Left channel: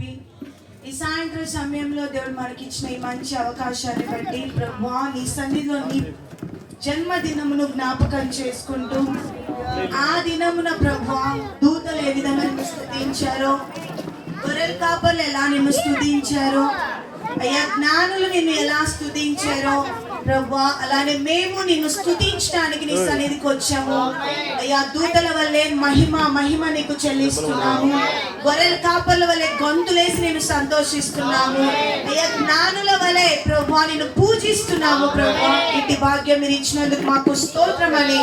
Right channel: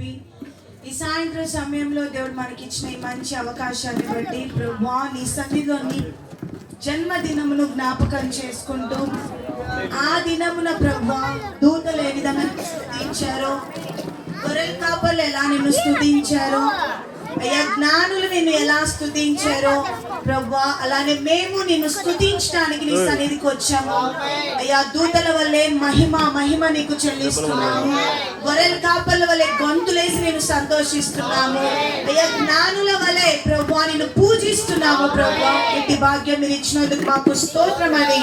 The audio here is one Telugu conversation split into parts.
ఈ సాయంత్రం సమయంలో దేవుడు మనకి ఇచ్చిన ఈ మంచి అవకాశాన్ని బట్టి ప్రభువా నీ సన్నిధిలో నీ జన్మదినమును జ్ఞాపకం చేసుకుంటూ ఆ దినమున ప్రభువా దూతలు ఏ విధంగా స్తుతించారో, గొర్రెల కాపర్లు ఎలా నిన్ను స్తుతించారో, అయ్యా జ్ఞానులు నిన్ను ఎలా స్తుతించారో ప్రభువా, అలానే మేము నిన్ను స్తుతించడానికి నీ సన్నిధికి వచ్చాము. అయ్యా దూతల వల్లే మహిమ నీకు చెల్లిస్తున్నాము. గొర్రెల కాపర్ల వల్లే గొంతులేసి నేను సంతోషిస్తున్నాము. అయ్యా జ్ఞానుల వల్లే ప్రభువా నిన్ను పూజిస్తున్నాము. ప్రభువా ఇంటి భాగ్యం మీరు ఇచ్చినందుకు మాకు స్తోత్రమని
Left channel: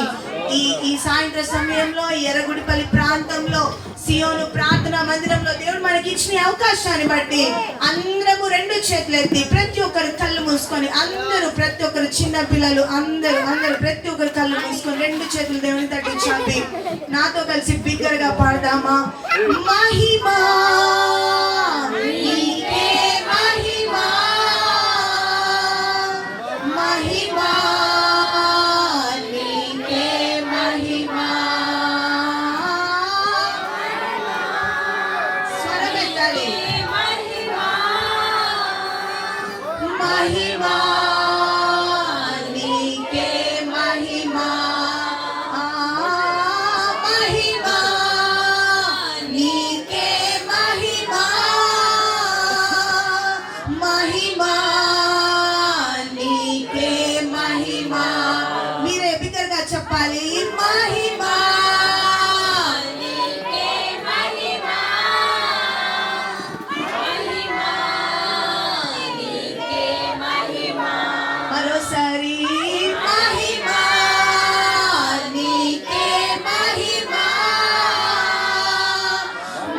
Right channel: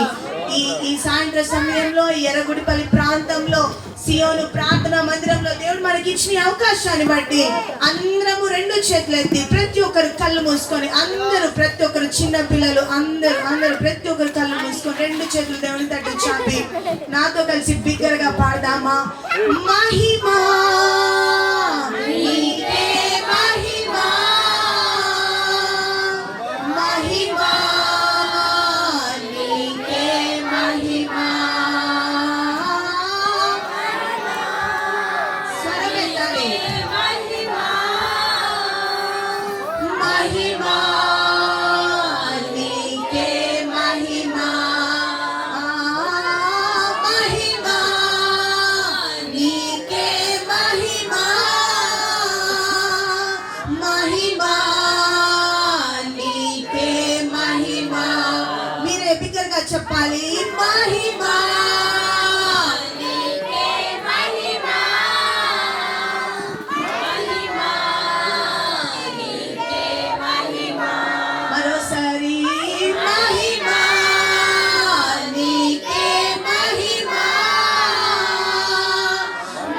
ఈ సాయంత్రం సమయంలో ఎర్రగుడిపల్లి ప్రాంతంలో సియోను ప్రార్థనా మందిరంలో దేవుడు మనకి ఇచ్చిన అవకాశాన్ని బట్టి అందరము రెండు చేతులు ఎత్తి ప్రతి ఒక్కరు కళ్ళు మూసుకొని అందరూ ప్రతి ఒక్కరు చిన్న పిల్లలు అందరూ ప్రతి ఒక్కరు కళ్ళు మూసుకొని రెండు చేతులు దేవుని తట్టు చాపి నాతో కలిసి బిగ్గరగా పాడదామా? మహిమా నీకే మహిమా, మహిమా నీకే మహిమా. స్వరమెత్తాలి. మహిమా నీకే మహిమా, మహిమా నీకే మహిమా, మహిమా నీకే మహిమా. మీరే బిగ్గరగా చెప్పాలి. మహిమా నీకే మహిమా, మహిమా నీకే మహిమా. మరోసారి మహిమా నీకే మహిమా,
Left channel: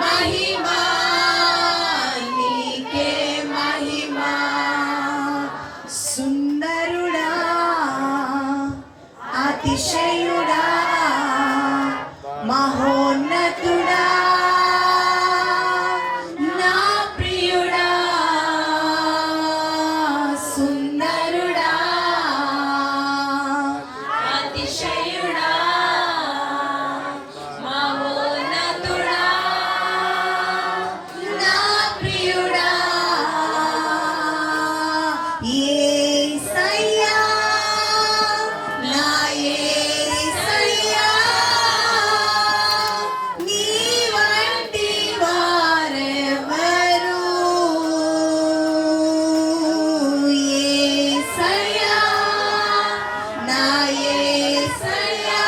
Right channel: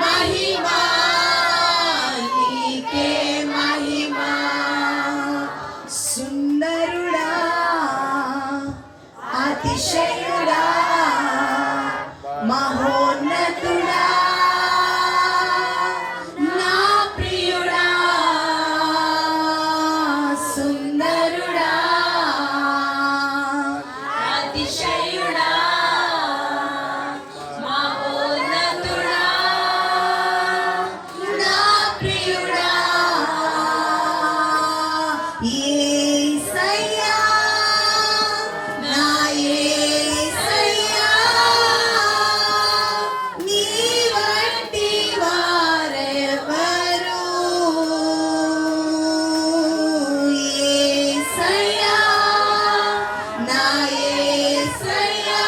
మహిమా నీకే మహిమా. సుందరుడా అతిశయుడా మహోన్నతుడా నా ప్రియుడా, సుందరుడా అతిశయుడా మహోన్నతుడా నా ప్రియుడా. యేసయ్యా నా యేసయ్యా నీ వంటి వారెవరు, యేసయ్యా నా యేసయ్యా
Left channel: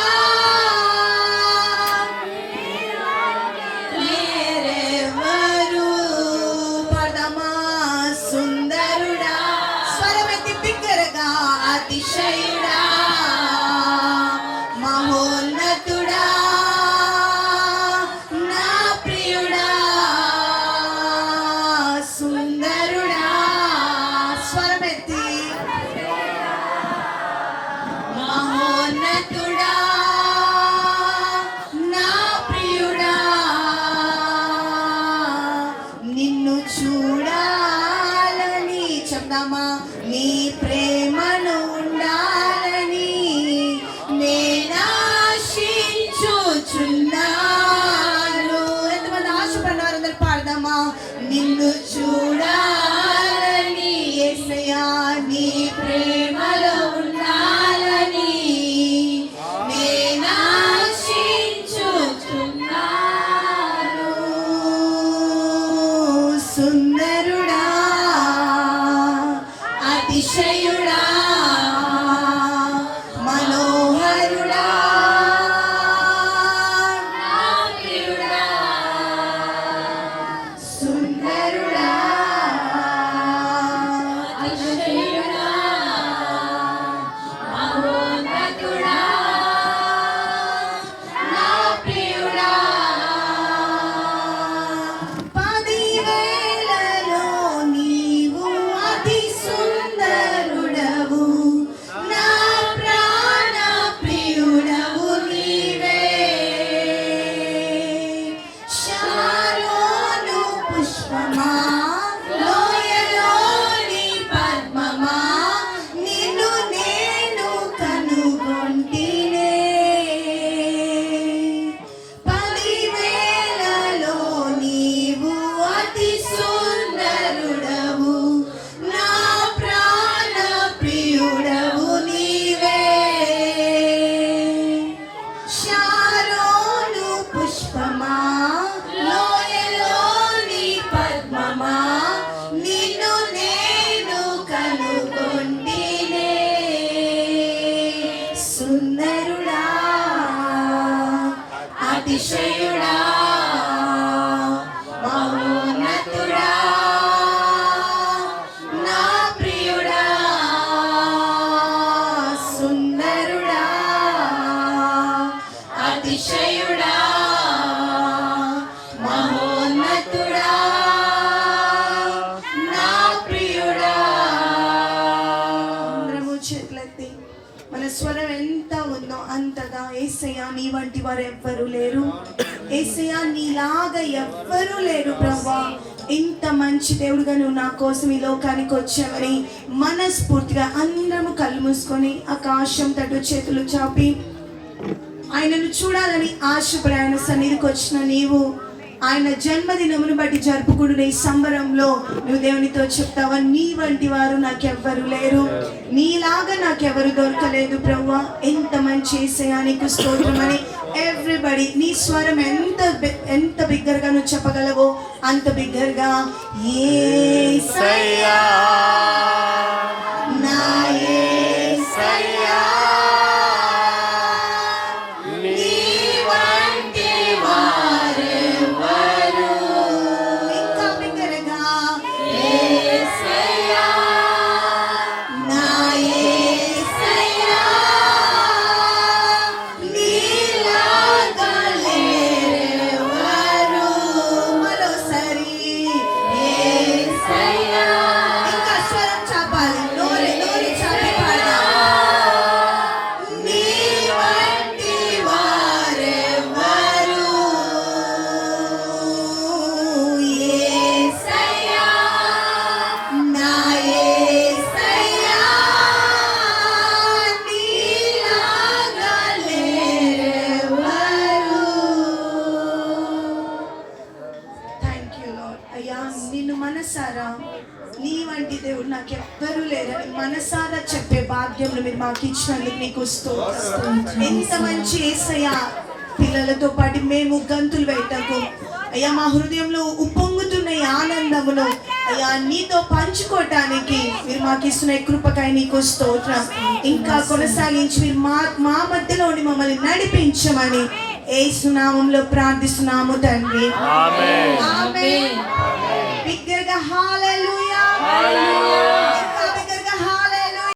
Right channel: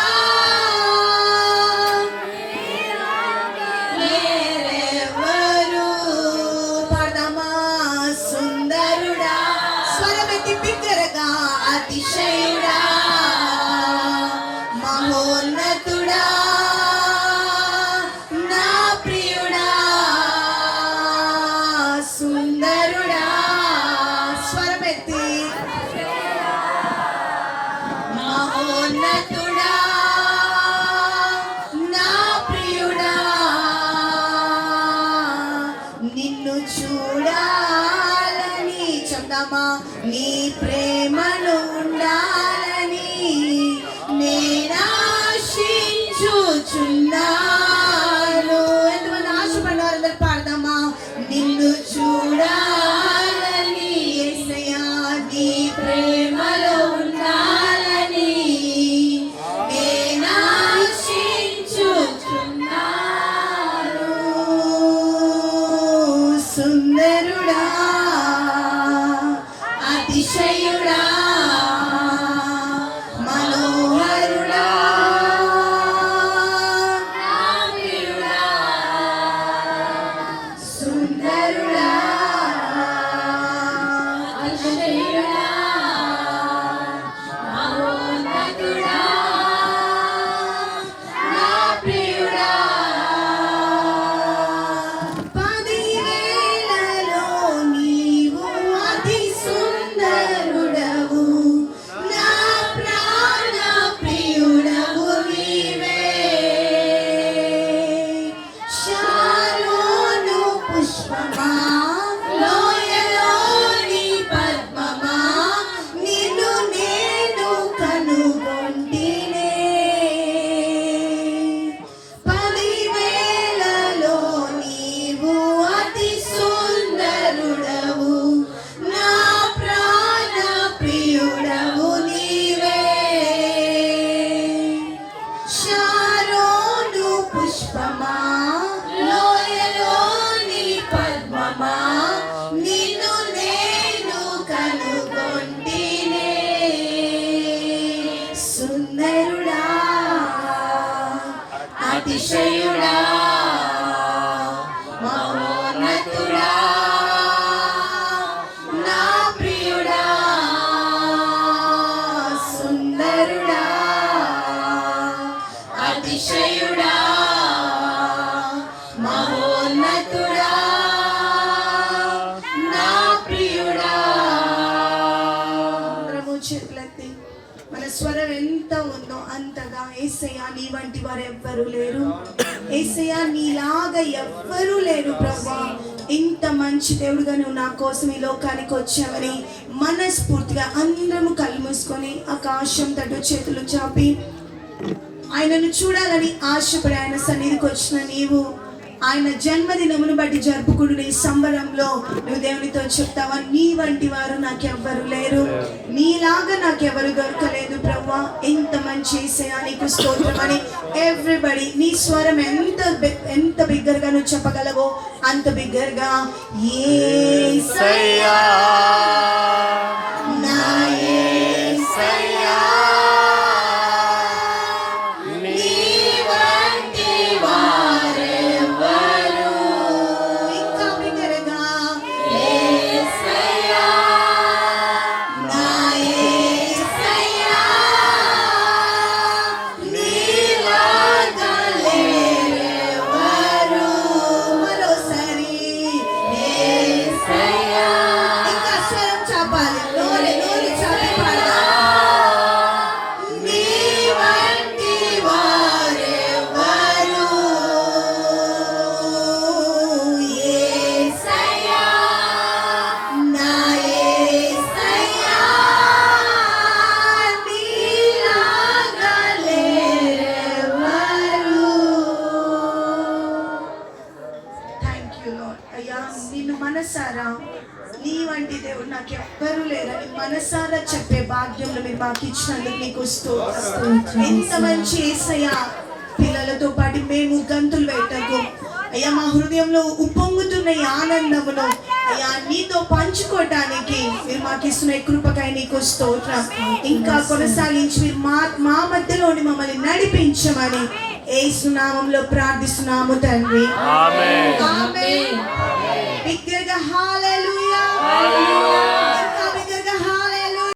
వేరెవరు. పాడదామా? సుందరుడా స్వరమెత్తి బిగ్గరగా అతిశయుడా మహోన్నతుడా నా ప్రియుడా, సుందరుడా స్వరమెత్తి మహోన్నతుడా నా ప్రియుడా. నిన్ను చూడాలని చెప్తామా? నీ ప్రేమను ఉండాలని నేనాశించుచున్నాను. ఎంతమంది ఆశపడ్డారు? అందరు పాడదామా? నిన్ను చూడాలని యేసయ్యా నీ ప్రేమలో ఉండాలని నేనాశించుచున్నాను. సుందరుడా అతిశయుడా మనోహరుడా నా ప్రియుడా, సుందరుడా అతిశయుడా మహోన్నతుడా నా ప్రియుడా. 10,000లో నీవు అతి సుందరుడవు, అతిశయుడా మహోన్నతుడా నా ప్రియుడా సుందరుడా అతిశయుడా మహోన్నతుడా నా ప్రియుడా. చేతులెత్తి మన స్వరం ఎంత ఉందో అంతగా యేసయ్యా నీ వంటి వారు ఎవ్వరూ లేరు, యేసయ్యా నీలాగా ఎవ్వరూ లేరు ప్రభువా. ఇంత మంచి దేవుడుగా నువ్వు నా కోసం ఈ లోకానికి వచ్చావని మనస్ఫూర్తిగా అందరము కళ్ళు మూసుకొని ఆకాశం తట్టు చేతులు చాపి ఆయనను చూడాలని ఆశపడి ఆయన సన్నిధికి వచ్చిన నీవు ఆయన జన్మదినమును బట్టి జరుపుకునే సంబరంలో నువ్వు దేవునితో చెప్తావా, నీ వంటి వారు నాకెవ్వరు లేరు, నీలాగా నాకెవరు దొరకలేదు ప్రభువా. ఎంత మంచి యేసయ్యా నీకు స్తోత్రం అని ఎవ్రీబడి నీ స్వరం ఎంత బిగ్గరగా నువ్వు చెప్పగలవో అంత బిగ్గరగా యేసయ్యా నా యేసయ్యా మనసారా నీ వంటి దేవుడు నాకు ఎవ్వరూ లేరని మనసారా చెప్పే భాగ్యం మీరు మాకు ఇచ్చినందుకు నీకు స్తోత్రం. ఎంత మంచి యేసయ్యా, పిల్లలతో పాటు మేము గంతులు వేటకు అయ్యా మా హృదయంలో ఉప్పొంగుతున్న ఈ ఆనందమును అయ్యా నీతో పంచుకోవటానికి మీరు మాకు ఇస్తున్న కృపకాయ నీకు స్తోత్రం. ఇంకా కొనసాగించి మీరు మా మధ్యలోని మమ్మల్ని నడిపించమని యేసు నామములో ప్రార్థిస్తున్నాము తండ్రి. ఆమేన్. బిగ్గరగా హల్లెలూయా.